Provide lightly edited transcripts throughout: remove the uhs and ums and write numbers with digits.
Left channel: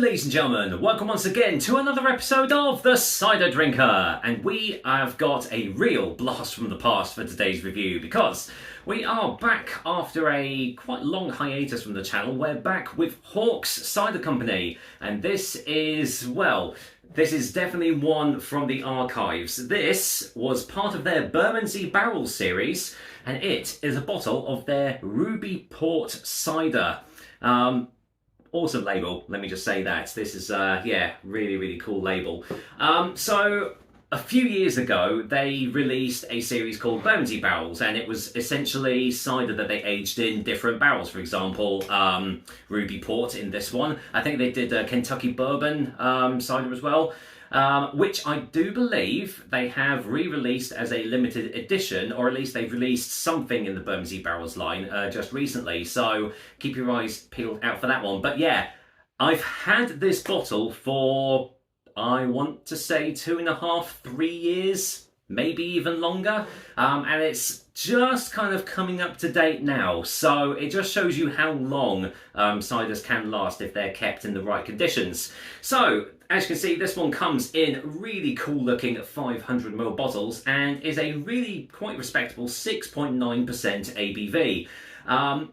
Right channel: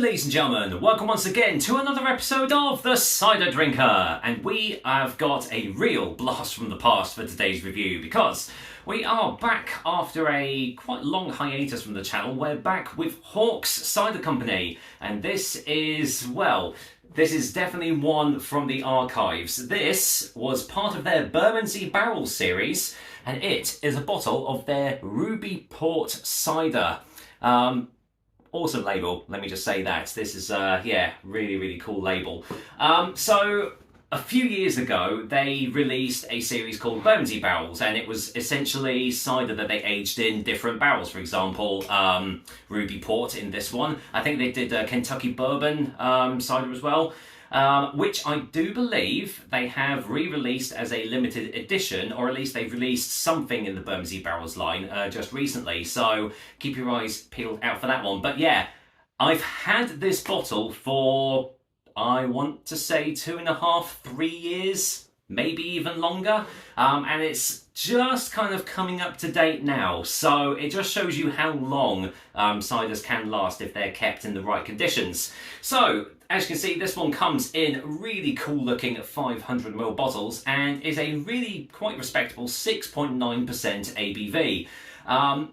ladies and gentlemen, welcome once again to another episode of The Cider Drinker, and we have got a real blast from the past for today's review because we are back after a quite long hiatus from the channel. We're back with Hawks Cider Company, and this is definitely one from the archives. This was part of their Bermondsey Barrel series, and it is a bottle of their Ruby Port Cider. Awesome label, let me just say that. This is, really cool label. So, a few years ago, they released a series called Bermondsey Barrels, and it was essentially cider that they aged in different barrels. For example, Ruby Port in this one. I think they did Kentucky Bourbon cider as well. Which I do believe they have re-released as a limited edition, or at least they've released something in the Bermondsey Barrels line just recently, so keep your eyes peeled out for that one. But yeah, I've had this bottle for, I want to say 2.5, 3 years, maybe even longer, and it's just kind of coming up to date now, so it just shows you how long ciders can last if they're kept in the right conditions. So, as you can see, this one comes in really cool looking 500ml bottles and is a really quite respectable 6.9% ABV.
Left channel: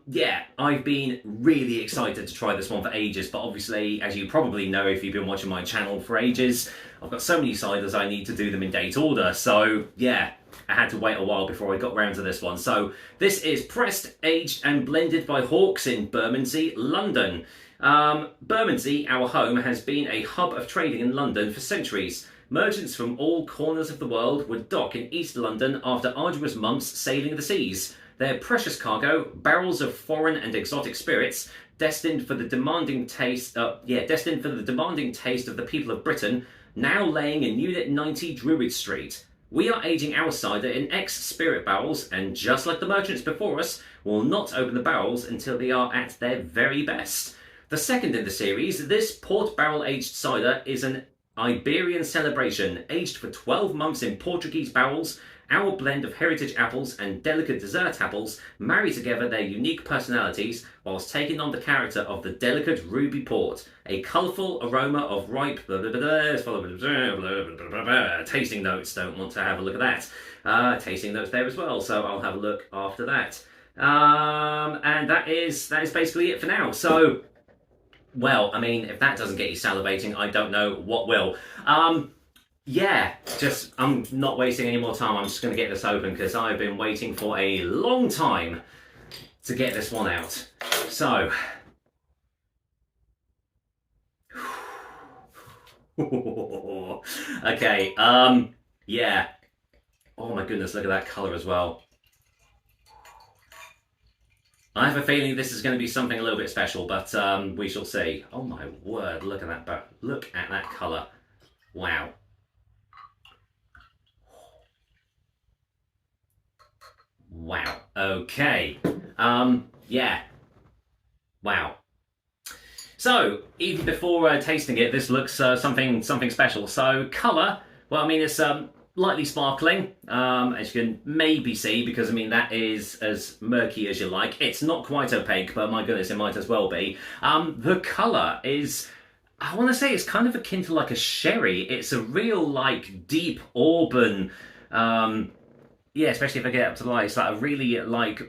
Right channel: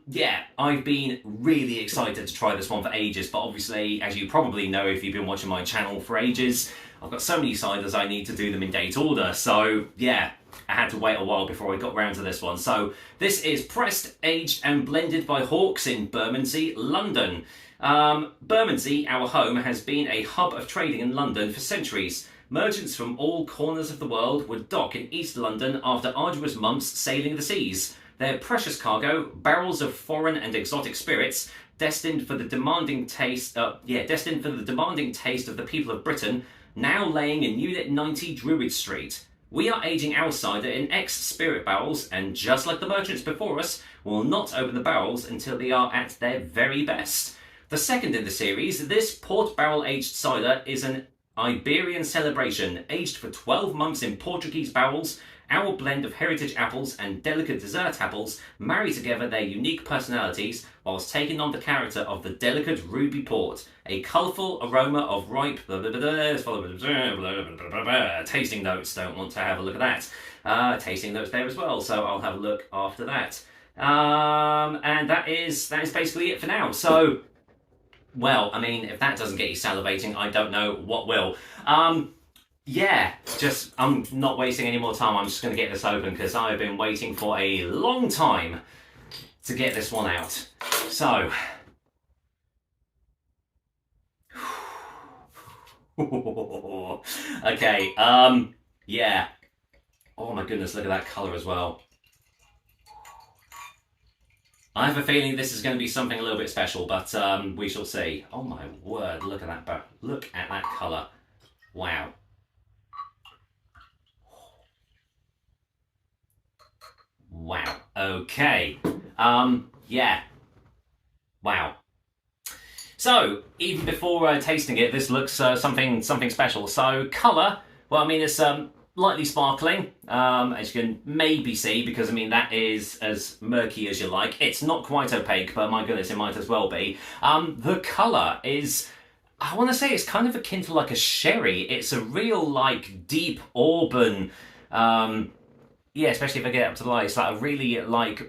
Yeah, I've been really excited to try this one for ages, but obviously, as you probably know if you've been watching my channel for ages, I've got so many ciders I need to do them in date order, so yeah, I had to wait a while before I got round to this one. So this is pressed, aged and blended by Hawks in Bermondsey, London. Bermondsey, our home, has been a hub of trading in London for centuries. Merchants from all corners of the world would dock in East London after arduous months sailing the seas. Their precious cargo, barrels of foreign and exotic spirits, destined for the demanding taste of the people of Britain, now laying in Unit 90 Druid Street. We are aging our cider in ex-spirit barrels, and just like the merchants before us, will not open the barrels until they are at their very best. The second in the series, this port barrel aged cider is an Iberian celebration, aged for 12 months in Portuguese barrels. Our blend of heritage apples and delicate dessert apples marry together their unique personalities whilst taking on the character of the delicate Ruby Port. A colourful aroma of ripe tasting notes. Don't want to have a look at that. Tasting notes there as well, so I'll have a look after that. And that is basically it for now. So, well, I mean, if that doesn't get you salivating, I don't know what will. Yeah, I'm not wasting any more time. I'm just going to get this open because I've been waiting for a long time to get this one out. So, okay, yeah. Oh my goodness, look at that colour as well. I have a feeling this is going to be something a little bit special, but we shall see. Oh my word, look at that, look at that colour. Wow. Wow. Okay. Yeah. Wow. So, even before tasting it, this looks something special. So, colour, well, I mean, it's lightly sparkling, as you can maybe see, because, I mean, that is as murky as you like. It's not quite opaque, but my goodness, it might as well be. The colour is, I want to say it's kind of akin to like a sherry. It's a real, like, deep auburn, yeah, especially if I get up to the light, it's like a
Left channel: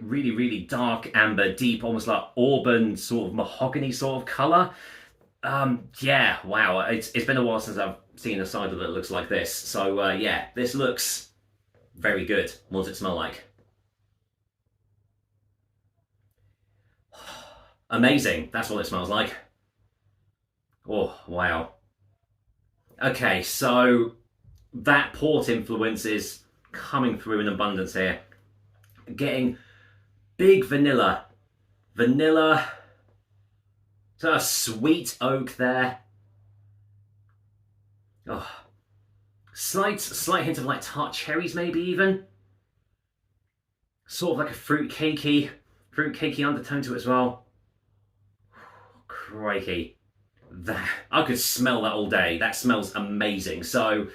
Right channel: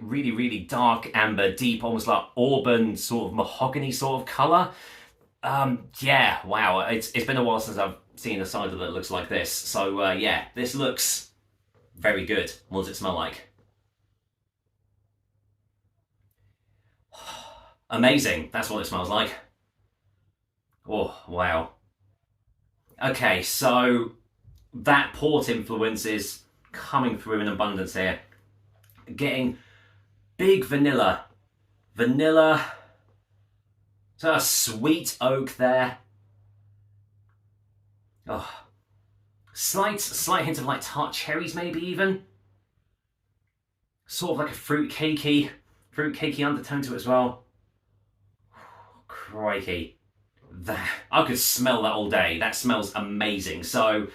really dark amber, deep, almost like auburn, sort of mahogany sort of colour. Yeah, wow, it's been a while since I've seen a cider that looks like this. So, yeah, this looks very good. What does it smell like? Amazing, that's what it smells like. Oh, wow. Okay, so that port influence is coming through in abundance here. Getting big vanilla, so a sweet oak there. Oh, slight hint of like tart cherries, maybe even. Sort of like a fruit cakey undertone to it as well. Crikey, I could smell that all day. That smells amazing. So,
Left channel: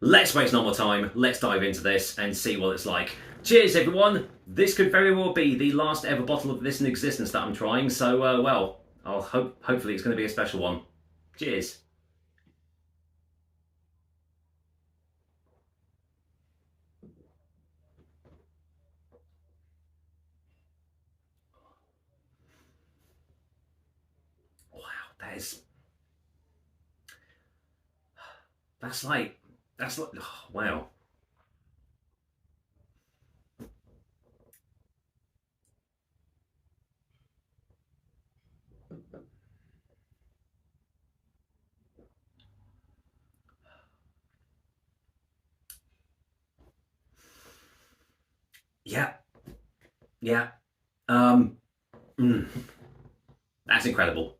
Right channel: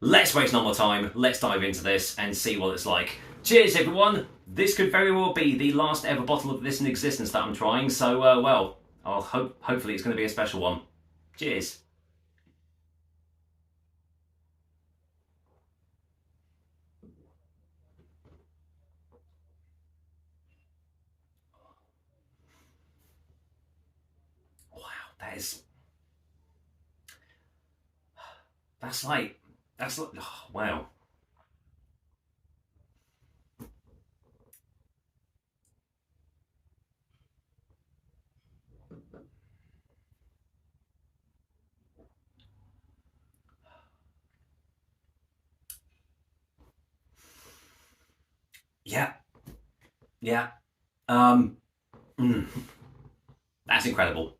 let's waste no more time, let's dive into this and see what it's like. Cheers everyone, this could very well be the last ever bottle of this in existence that I'm trying, so well, hopefully it's going to be a special one. Cheers. Wow, that's like, oh, wow. Yeah, yeah. That's incredible.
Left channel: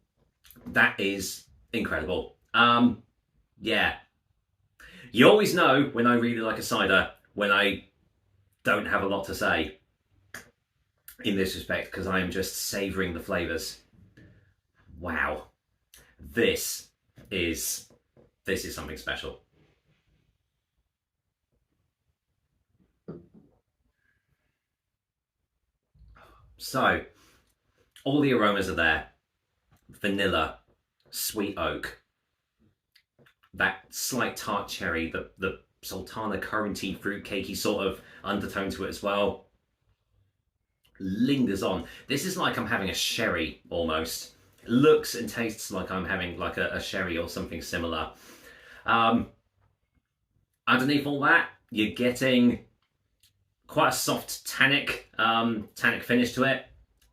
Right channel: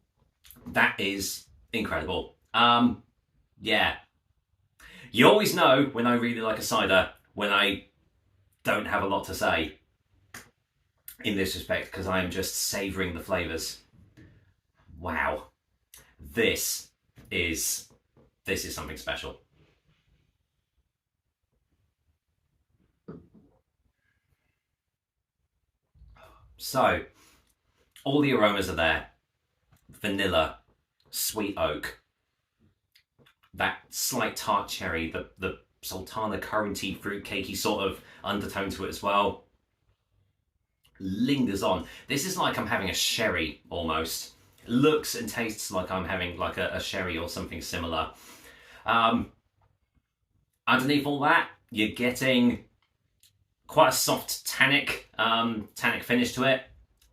That is incredible. Yeah. You always know when I really like a cider when I don't have a lot to say in this respect, because I am just savouring the flavours. Wow. This is something special. So, all the aromas are there. Vanilla, sweet oak, that slight tart cherry, the sultana curranty, fruitcakey sort of undertone to it as well. Lingers on. This is like I'm having a sherry almost. Looks and tastes like I'm having like a sherry or something similar. Underneath all that, you're getting quite a soft tannic finish to it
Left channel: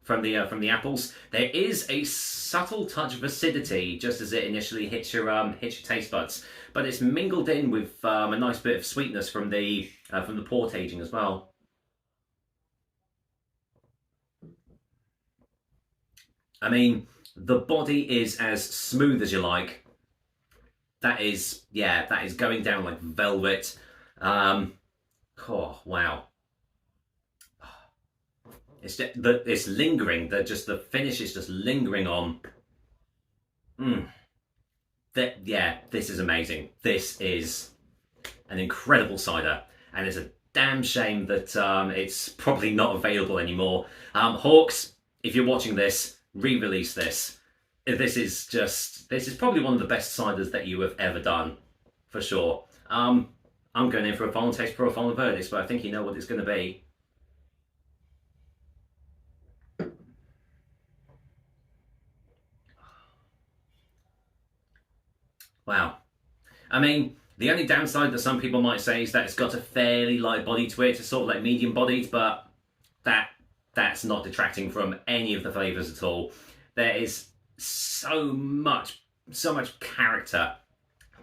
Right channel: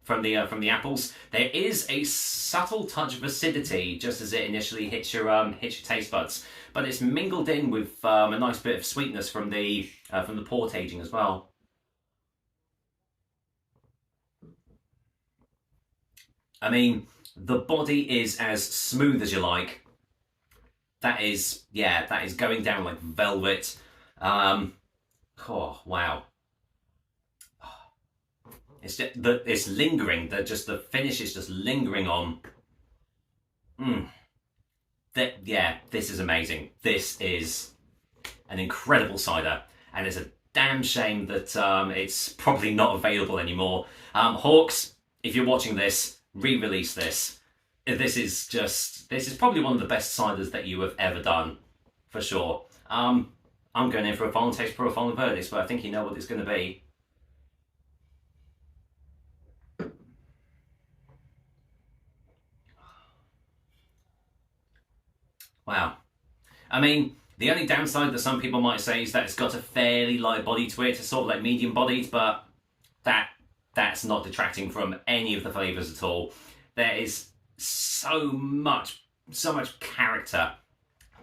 from the apples. There is a subtle touch of acidity just as it initially hits your taste buds, but it's mingled in with a nice bit of sweetness from the port aging as well. I mean, the body is as smooth as you like. That is going down like velvet. Oh wow. It's lingering. The finish is just lingering on. This is amazing. This is an incredible cider, and it's a damn shame that it's probably not available anymore. Hawks, if you're watching this, re-release this. This is probably one of the best ciders that you have ever done, for sure. I'm going in for a final taste for a final verdict, but I think you know what it's going to be. Wow. I mean, the only downside that some people might say is that it's got a fairly light body to it. It's sort of like medium bodied, but that's not detracting from any of the flavours at all. There is so much character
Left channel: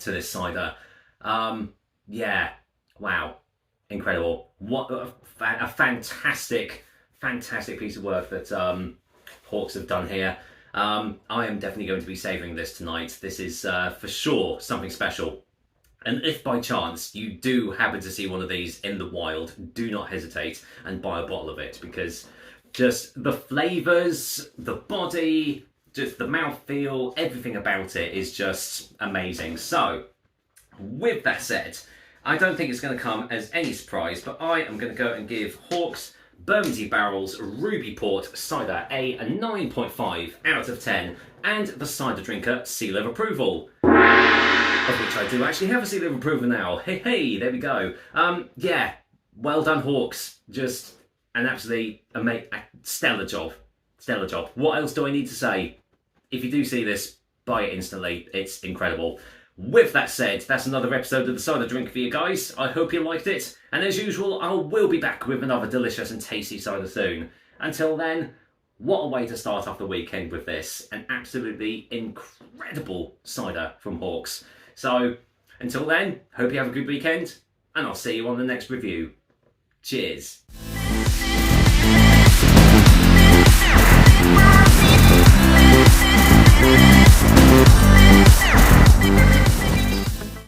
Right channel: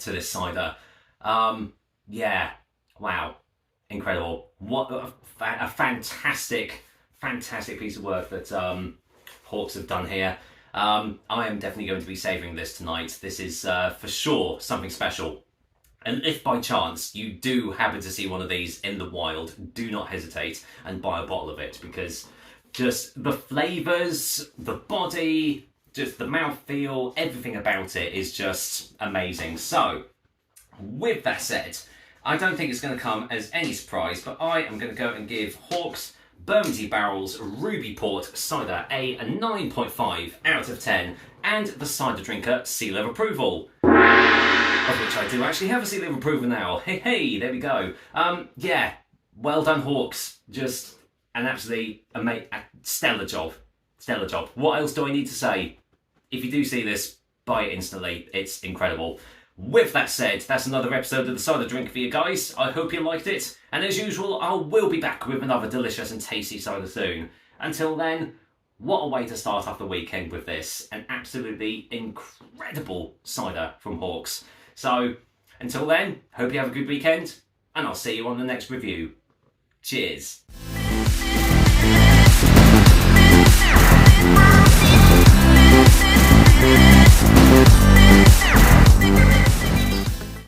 to this cider. Yeah, wow, incredible. What a fantastic piece of work that Hawks have done here. I am definitely going to be savouring this tonight. This is for sure something special. And if by chance you do happen to see one of these in the wild, do not hesitate and buy a bottle of it, because just the flavours, the body, just the mouthfeel, everything about it is just amazing. So, with that said, I don't think it's going to come as any surprise, but I am going to go and give Hawks Bermondsey Barrels Ruby Port Cider a 9.5 out of 10, and the Cider Drinker seal of approval. Of which I do actually have a seal of approval now. Hey, there we go. Yeah, well done, Hawks. Just an absolutely stellar job. Stellar job. What else do I need to say? If you do see this, buy it instantly. It's incredible. With that said, that's another episode of the Cider Drink for you guys. I hope you liked it. And as usual, I will be back with another delicious and tasty cider soon. Until then, what a way to start off the weekend with this. An absolutely incredible cider from Hawks. So, until then, hope you have a good weekend, and I'll see you on the next review. Cheers.